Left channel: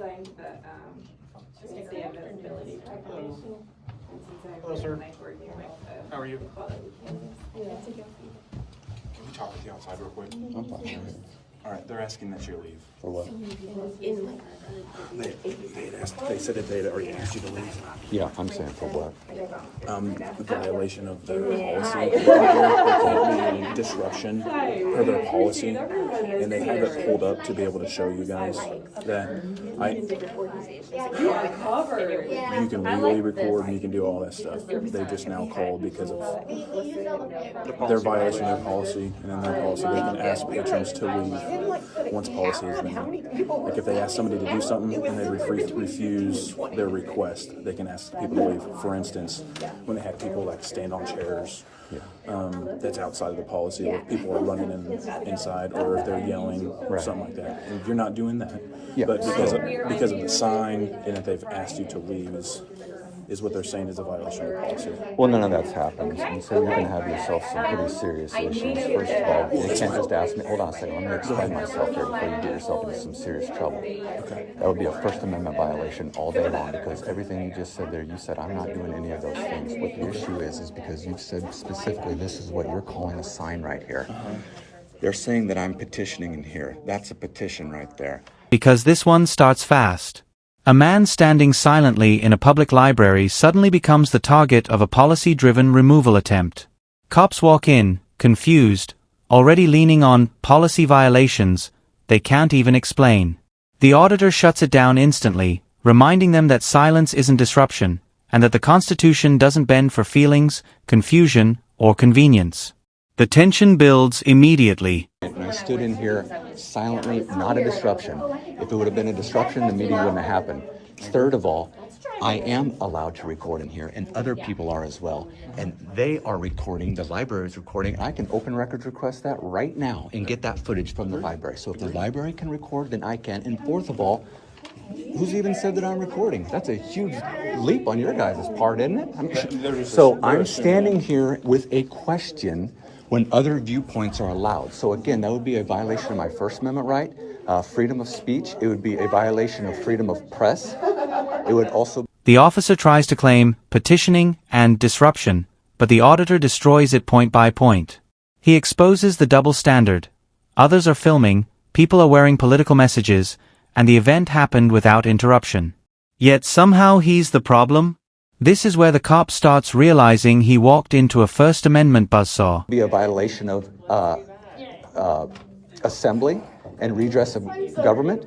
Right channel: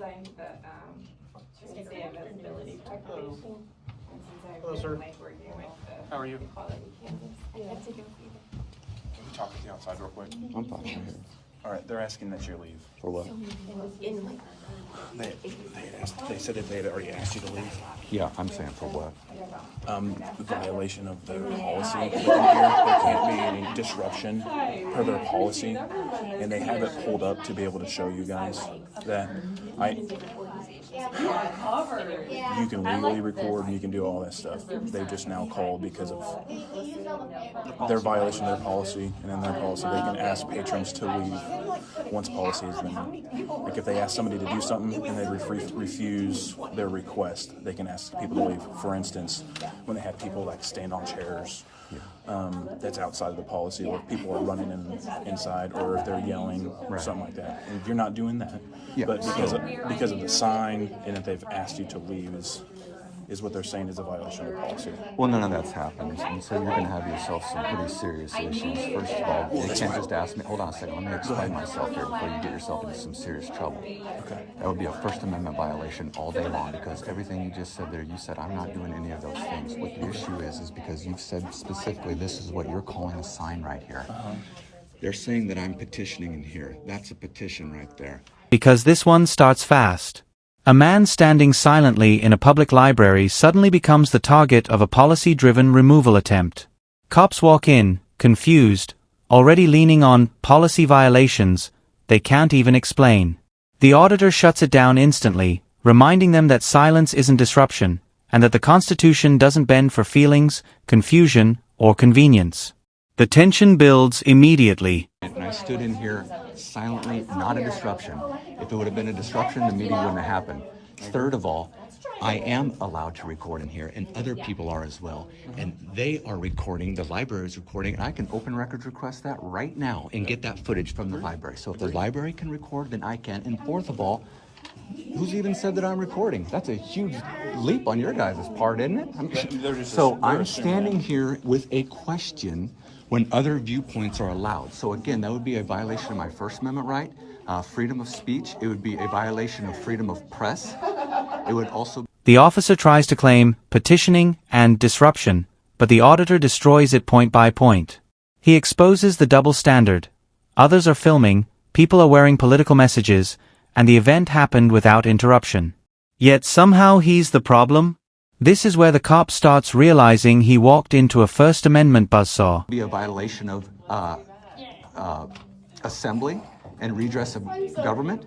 signed the Tuesday availability proclamation. Hello, sir. How are you? Can we talk with you outside real quick? I'm fine. All right, they're asking that you leave. For what? They said that they already asked you to leave. Yeah, I'm saying for what? Violation of the policy. There can't be any disruption per their policy, and they have it pulled up to be able to show you guys that you can legally record and you can do all that stuff. They just now called because of their violation of policy, and in their policy they can ask patrons to leave once policy is known. Like if they ask somebody to do something and they refuse their request, they can ask people to leave. For instance, when they have people like stand on chairs, that's outside of the policy, or if people are running inside, or if they're yelling or something like that. And you're not doing that. Yeah. But because of the sign and that they've asked you to leave is what they're saying is a violation of policy. Well, none of that's happened, and so you can have yourself some pretty serious issues. First of all, you can't just ask me, hold on a second, let me explain myself here before you get yourself into some serious trouble. Okay. That would be a First Amendment violation all day long, because everything you just said there, you said, I'm not doing any of those things. What the issue is because you've said specifically, this is what you're calling a sign right here. They're saying that I'm petitioning in here. That's a petition right there. Because this one starts fast. A man standing silently in a public library suddenly becomes the target of a policy-driven removal attempt. Cops walk in, confused, already leaning on policy violations they can't even explain. The auditor shuts it down instantly, reminding them that silence isn't disruption, and that the Constitution doesn't bend for feelings, confusion, or convenience. The tension builds immediately. And I stood in here silently, not a disruption. If it would have been a disruption, the meeting wouldn't have happened. Third of all, I am allowed to record in here, and other people are as well. And they are recording, the library is recording, and I can open records request that right now and get that footage from the library. So if the library can record, then I can. And fourth of all, who's even said that I'm recording? That's a huge leap on your guys' part, isn't it? So I'm standing here with a question when other viewpoints are allowed. So again, that would be a violation of my First Amendment right, freedom of speech. It would be a violation of freedom of press. It would also... The officer tries to claim petitioning and disruption, but the auditor destroys it point by point. He exposes the double standard. Others are filming, people are wearing political messages, and the event happened without interruption. Yet somehow he's the problem? This is where the cop starts realizing he walked into a First Amendment buzzsaw. Be a violation of assembly and redress of government.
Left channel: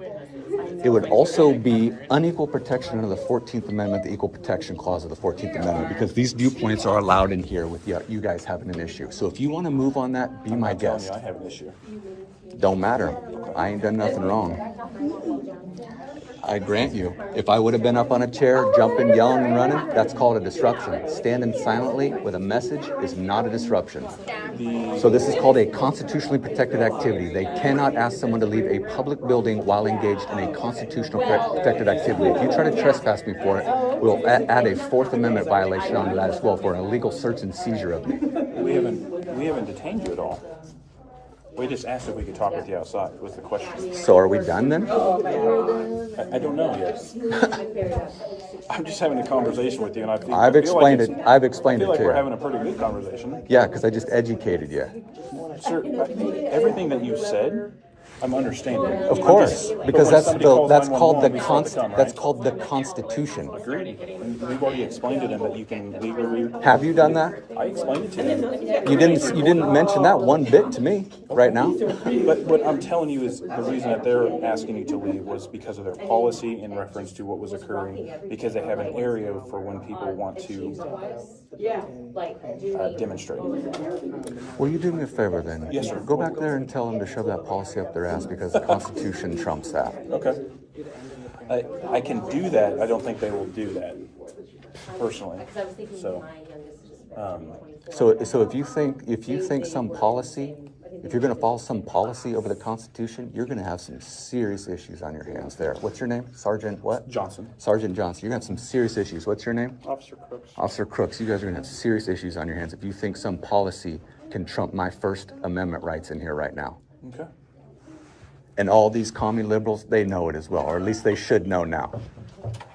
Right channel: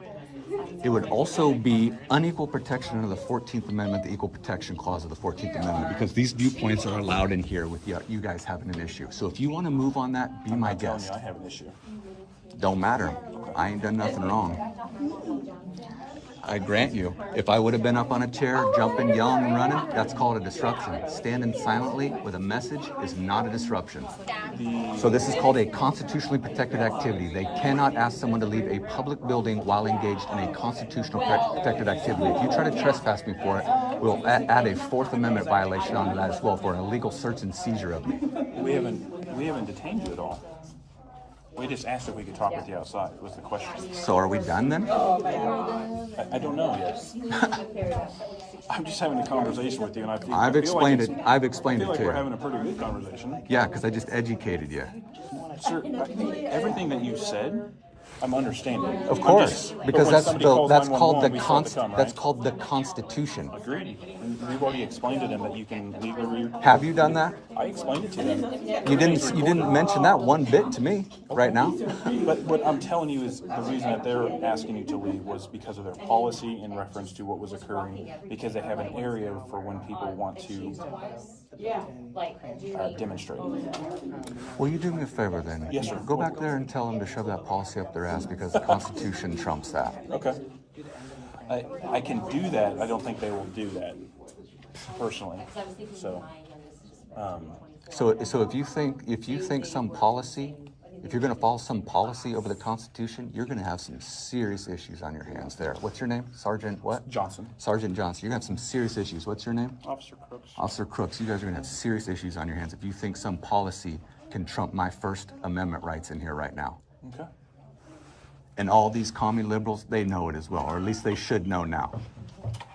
It would also be unequal protection under the 14th Amendment, the Equal Protection Clause of the 14th Amendment, because these viewpoints are allowed in here with you guys having an issue. So if you want to move on that, be my guest. I have an issue. Don't matter. I ain't done nothing wrong. I grant you, if I would have been up on a chair, jumping, yelling, and running, that's called a disruption. Standing silently with a message is not a disruption. So this is called a constitutionally protected activity. They cannot ask someone to leave a public building while engaged in a constitutionally protected activity. If you try to trespass me for it, we'll add a Fourth Amendment violation onto that as well for an illegal search and seizure of you. We haven't detained you at all. We just asked if we could talk with you outside, was the question. So are we done then? I don't know yet. I'm just having a conversation with you, and I've explained it I feel like to we're you. having a pretty good conversation. Yeah, because I just educated you. Sir, everything that you said, I'm understanding. Of course, because that's called the Constitution. Agreed. And we've already explained it, and that you can legally. Have you done that? I explained it to you. You didn't mention that one bit to me right now. But what I'm telling you is the reason that they're asking you to leave was because of their policy in reference to what was occurring, because they have an area for when people want to demonstrate. Will you do me a favor then? Yes, sir. Go back there and tell them to shove that policy up their ass because the Constitution trumps that. Okay. I can do that. I don't think they will do that personally. So if you think some policy, if you're going to follow some policy over the Constitution, you're going to have some serious issues on your hands there. What's your name? Sergeant what? Johnson. Sergeant Johnson. You're going to have some serious issues. What's your name? Officer Crooks. Officer Crooks. You guys are going to have serious issues on your hands if you think some policy can trump my First Amendment rights in here right now. Okay. And all these commie liberals, they know it as well, or at least they should know now.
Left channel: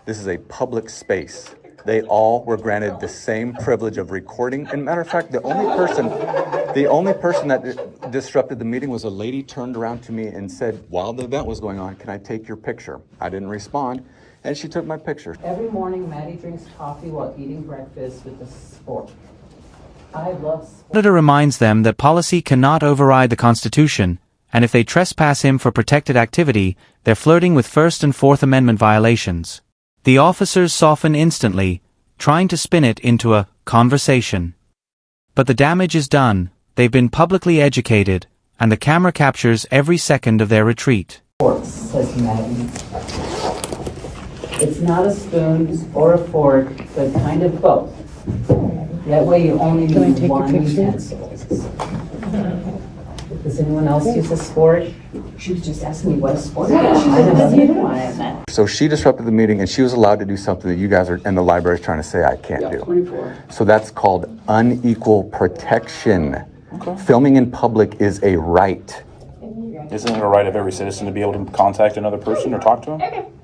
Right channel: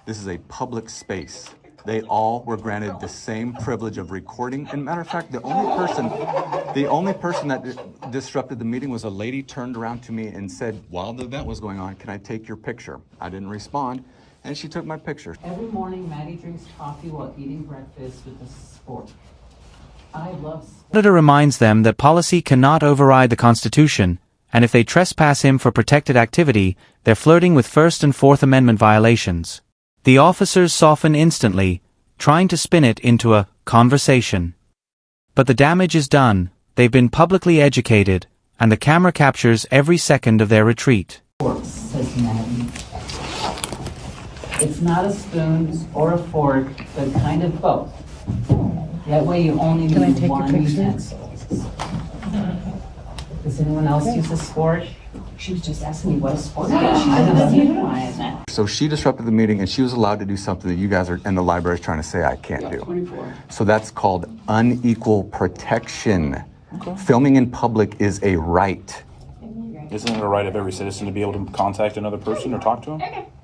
This is a public space. They all were granted the same privilege of recording. And matter of fact, the only person that disrupted the meeting was a lady turned around to me and said, while the event was going on, can I take your picture? I didn't respond, and she took my picture. Every morning, Maddie drinks coffee while eating breakfast with a fork. I love sports. The auditor reminds them that policy cannot override the Constitution, and if they trespass him for protected activity, they're flirting with First and Fourth Amendment violations. The officers soften instantly, trying to spin it into a conversation. But the damage is done, they've been publicly educated, and the camera captures every second of their retreat. Sports, says Maddie. It's not a spoon or a fork, but kind of both. That way you only need one utensil. Does anyone else use a sport? She was just asking me what a sport is. So she disrupted the meeting, and she was allowed to do something that you guys are in the library trying to say I can't do. 24. So that's called unequal protection. Filming in public is a right. Isn't it a right of every citizen to be able to contact another person or talk to him?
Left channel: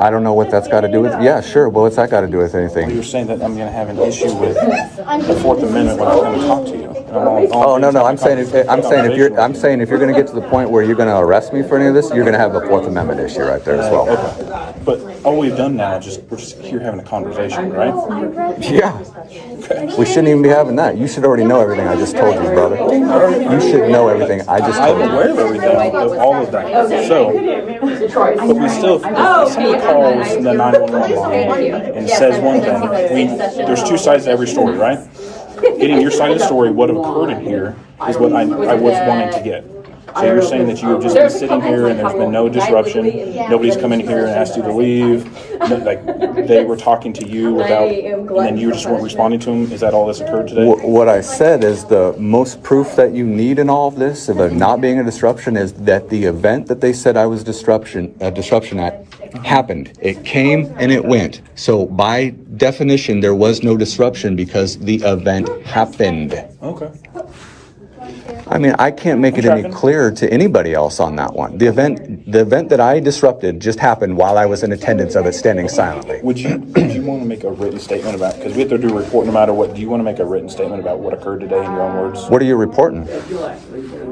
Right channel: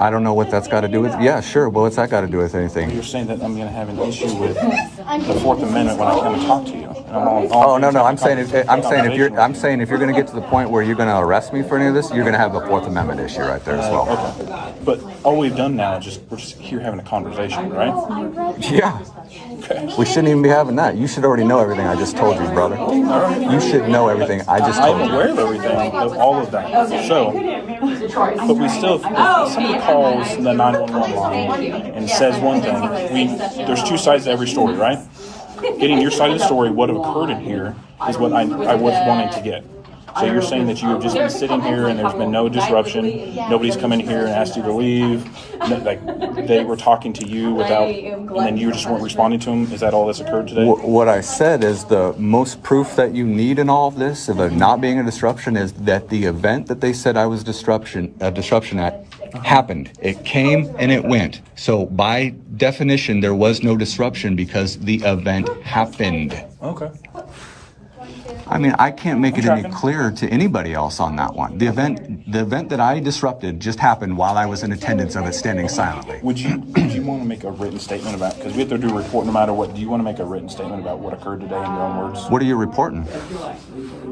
I don't know what that's got to do with. Yeah, sure. Well, what's that got to do with anything? You're saying that I'm going to have an issue with the Fourth Amendment when I come to talk to you. Oh no! I'm saying if you're going to get to the point where you're going to arrest me for any of this, you're going to have the Fourth Amendment issue right there as well. Okay. But all we've done now is we're just here having a conversation, right? Yeah. We shouldn't even be having that. You should already know everything I just told you, brother. You should know everything I just told you. I'm aware of everything, of all of that. So, but we still, if somebody calls the 911 line and says one thing, there's two sides to every story, right? Getting your side of the story, what occurred in here, is what I was wanting to get. So you're saying that you have just been sitting here and there's been no disruption, nobody's come in here and asked you to leave, like they were talking to you without, and then you just weren't responding to them? Is that all that's occurred today? What I said is the most proof that you need in all of this, of it not being a disruption, is that the event that they said I was disruption at happened. It came and it went. So by definition, there was no disruption because the event happened. Okay. I mean, I can't make it any clearer to anybody else on that one. The event that I disrupted just happened while I was in attendance of it, standing silently. Would you want to make a written statement about, because we have to do a report no matter what, do you want to make a written statement about what occurred today in your own words? What are you reporting?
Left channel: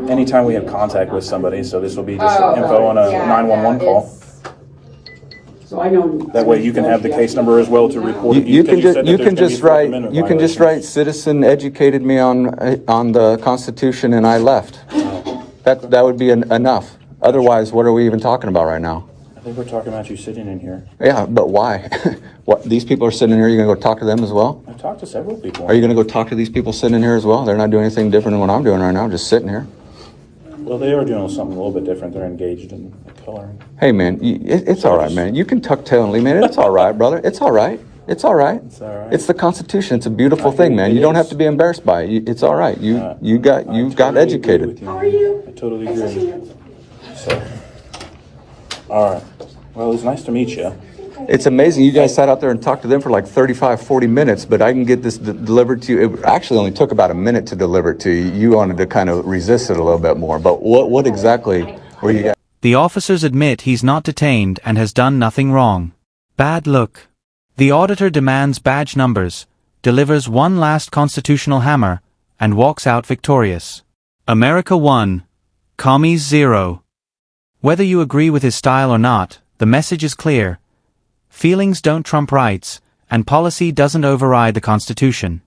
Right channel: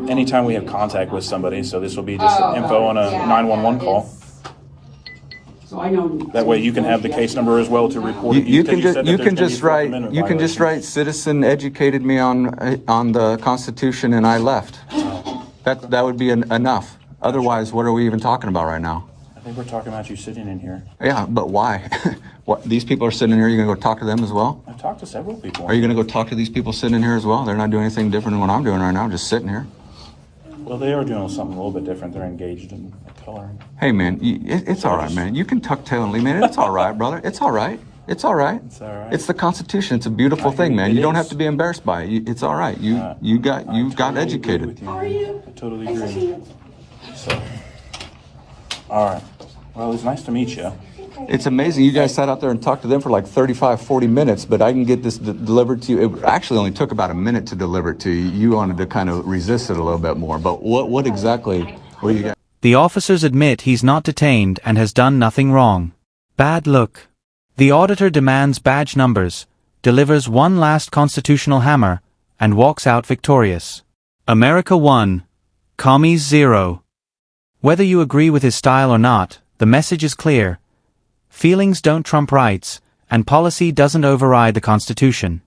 Anytime we have contact with somebody, so this will be just info on a 911 call. So I know. That way you can have the case number as well to report. You can just write citizen educated me on the Constitution and I left. That would be enough. Otherwise, what are we even talking about right now? I think we're talking about you sitting in here. Yeah, but why? What, these people are sitting in here, you're going to go talk to them as well? I've talked to several people. Are you going to go talk to these people sitting in here as well? They're not doing anything different than what I'm doing right now, just sitting here. Well, they are doing something a little bit different. They're engaged in coloring. Hey, man, it's all right, man. You can tuck tail and lean in. It's all right, brother. It's all right. It's all right. It's all right. It's the Constitution. It's a beautiful thing, man. You don't have to be embarrassed by it. It's all right. You got educated. How are you? I totally agree. So, all right. Well, it was nice to meet you. It's amazing. You guys sat out there and talked to them for like 35, 40 minutes, but I can get this delivered to you. It actually only took about a minute to deliver it to you. You wanted to kind of resist it a little bit more. But what exactly were you guys? The officers admit he's not detained and has done nothing wrong. Bad look. The auditor demands badge numbers, delivers one last constitutional hammer, and walks out victorious. America 1. Commies 0. Whether you agree with his style or not, the message is clear. Feelings don't trump rights, and policy doesn't override the Constitution.